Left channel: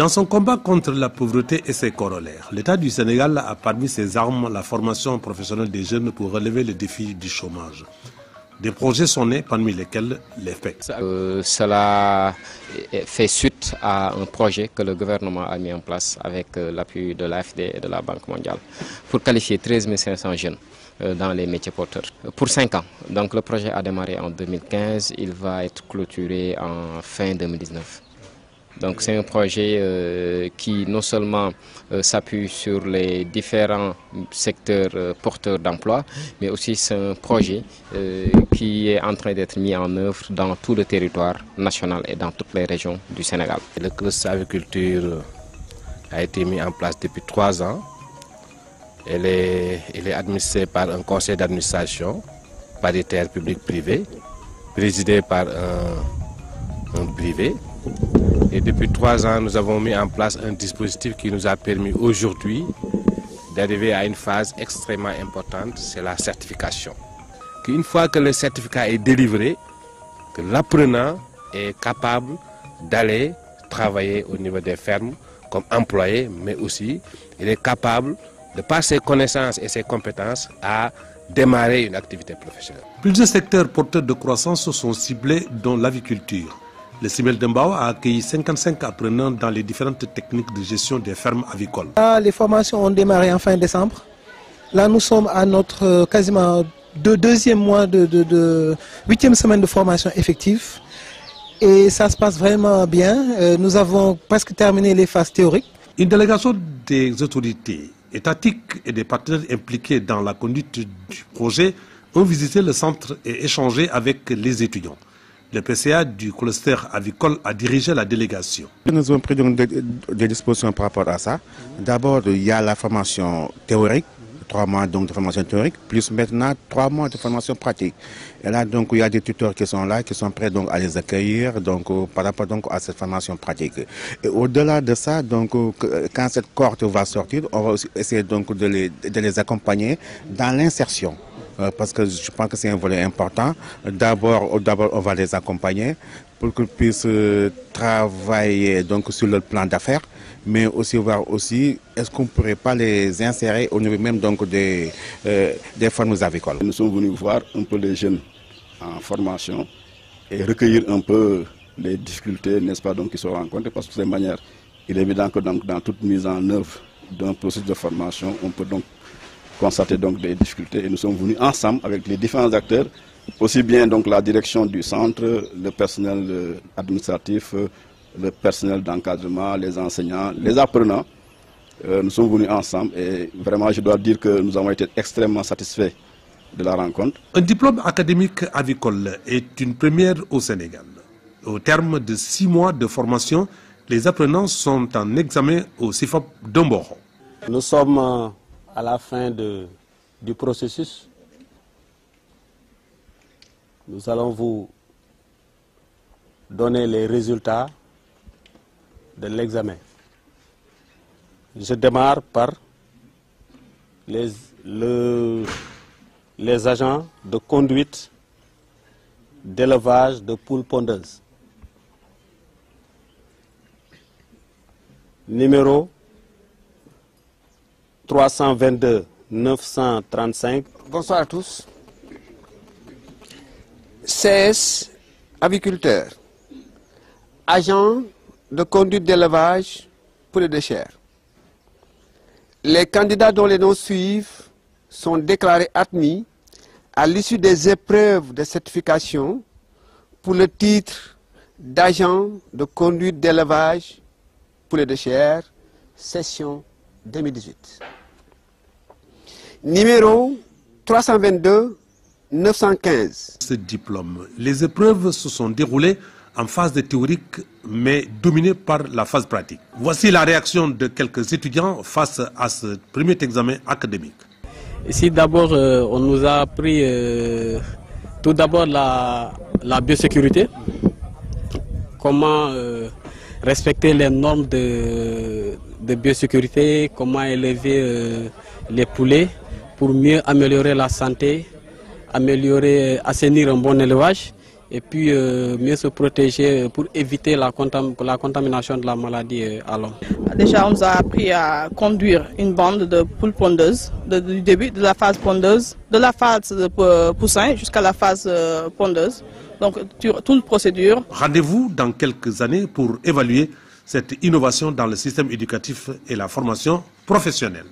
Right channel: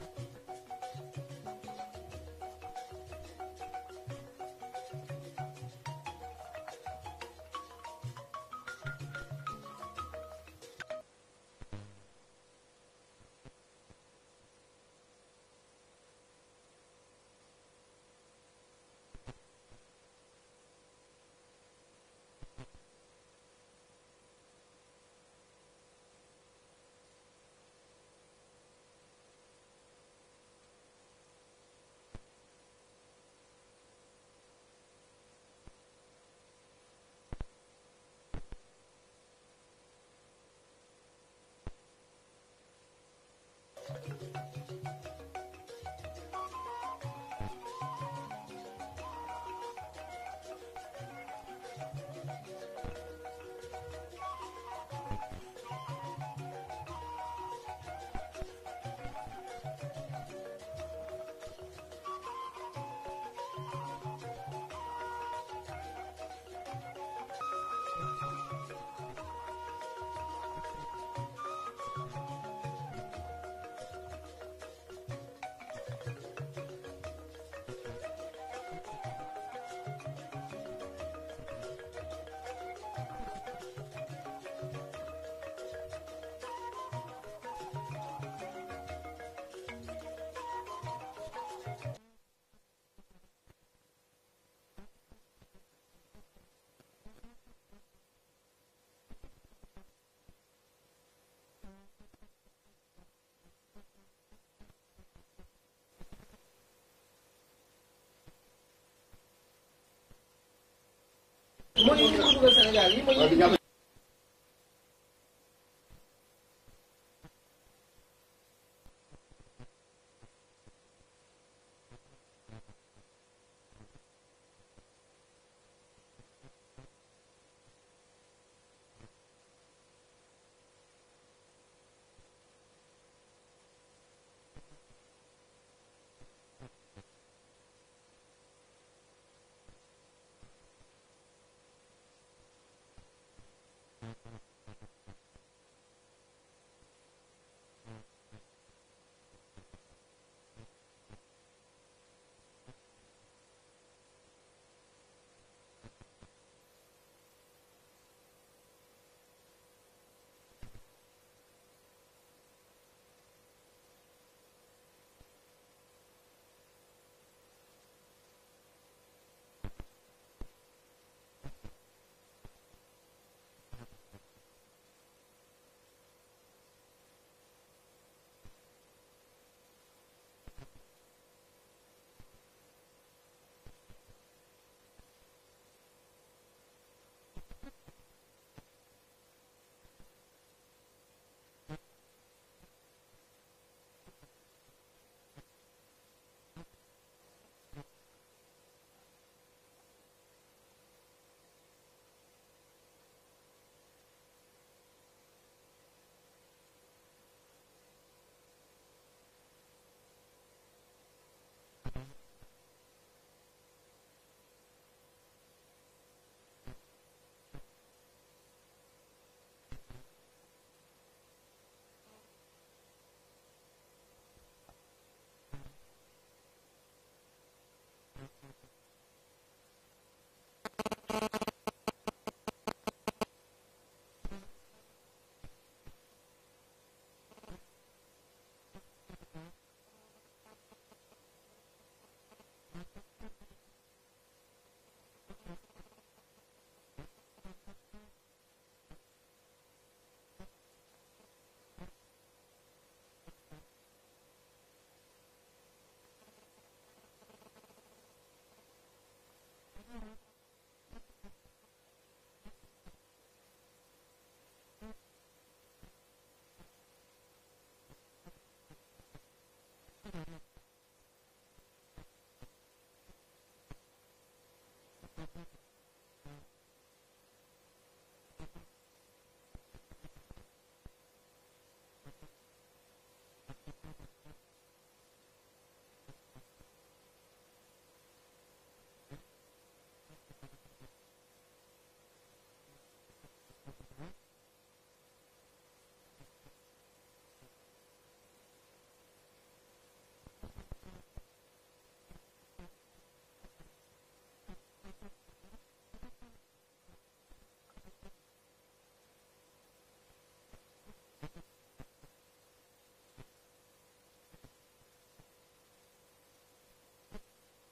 Dans son combat contre la pauvreté et ses corollaires, l'État du Sénégal a parmi ses armes la formation professionnelle des jeunes pour relever le défi du chômage. Des projets sont nés, parmi lesquels l'EFPEC. Cela fait suite à un projet que le gouvernement a mis en place avec l'appui de l'AFD et de la Banque mondiale pour qualifier 13 500 jeunes dans les métiers porteurs. Pour 5 ans. Donc le projet a démarré en 2015, il va être clôturé en fin 2019. Donc c'est un projet qui non seulement s'appuie sur les différents secteurs porteurs d'emploi, mais aussi c'est un projet qui est en train d'être mis en œuvre dans tout le territoire national et dans toutes les régions du Sénégal. Le cluster agriculture a été mis en place depuis 3 ans. Il est administré par un conseil d'administration paritaire public-privé, présidé par un privé. Et depuis 3 ans, nous avons mis en place un dispositif qui nous a permis aujourd'hui d'arriver à une phase extrêmement importante, c'est la certification. Une fois que le certificat est délivré, que l'apprenant est capable d'aller travailler au niveau des fermes comme employé, mais aussi il est capable, de par ses connaissances et ses compétences, à démarrer une activité professionnelle. Plusieurs secteurs porteurs de croissance sont ciblés, dont l'aviculture. Le CIMEL de Mbao a accueilli 55 apprenants dans les différentes techniques de gestion des fermes avicoles. Les formations ont démarré en fin décembre. Là, nous sommes à notre quasiment deuxième mois de 8e semaine de formation effective. Et ça se passe vraiment bien. Nous avons presque terminé les phases théoriques. Une délégation des autorités étatiques et des partenaires impliqués dans la conduite du projet ont visité le centre et échangé avec les étudiants. Le PCA du cluster avicole a dirigé la délégation. Nous avons pris donc des dispositions par rapport à ça. D'abord, il y a la formation théorique, 3 mois donc de formation théorique, plus maintenant 3 mois de formation pratique. Et là, donc, il y a des tuteurs qui sont là, qui sont prêts donc, à les accueillir donc, par rapport donc, à cette formation pratique. Et au-delà de ça, donc, quand cette cohorte va sortir, on va aussi essayer donc, de les accompagner dans l'insertion. Parce que je pense que c'est un volet important. D'abord, on va les accompagner pour qu'ils puissent travailler donc, sur le plan d'affaires, mais aussi voir aussi est-ce qu'on ne pourrait pas les insérer au niveau même donc, des fermes avicoles. Nous sommes venus voir un peu les jeunes en formation et recueillir un peu les difficultés, n'est-ce pas, donc, qui sont rencontrées, parce que de cette manière, il est évident que donc, dans toute mise en œuvre d'un processus de formation, on peut donc constater donc des difficultés et nous sommes venus ensemble avec les différents acteurs, aussi bien donc la direction du centre, le personnel administratif, le personnel d'encadrement, les enseignants, les apprenants. Nous sommes venus ensemble et vraiment je dois dire que nous avons été extrêmement satisfaits de la rencontre. Un diplôme académique avicole est une première au Sénégal. Au terme de 6 mois de formation, les apprenants sont en examen au CIFOP de Mboro. Nous sommes à la fin du processus. Nous allons vous donner les résultats de l'examen. Je démarre par les agents de conduite d'élevage de poules pondeuses. Numéro 322 935. Bonsoir à tous. CS aviculteur, agent de conduite d'élevage poulet de chair. Les candidats dont les noms suivent sont déclarés admis à l'issue des épreuves de certification pour le titre d'agent de conduite d'élevage poulet de chair, session 2018. Numéro 322 915. Ce diplôme, les épreuves se sont déroulées en phase de théorique, mais dominées par la phase pratique. Voici la réaction de quelques étudiants face à ce premier examen académique. Ici, d'abord, on nous a appris tout d'abord la biosécurité, comment respecter les normes de biosécurité, comment élever les poulets pour mieux améliorer la santé, assainir un bon élevage et puis mieux se protéger pour éviter la contamination de la maladie à l'homme. Déjà, on nous a appris à conduire une bande de poules pondeuses, du début de la phase pondeuse, de la phase de poussin jusqu'à la phase pondeuse. Donc, toute la procédure. Rendez-vous dans quelques années pour évaluer cette innovation dans le système éducatif et la formation professionnelle.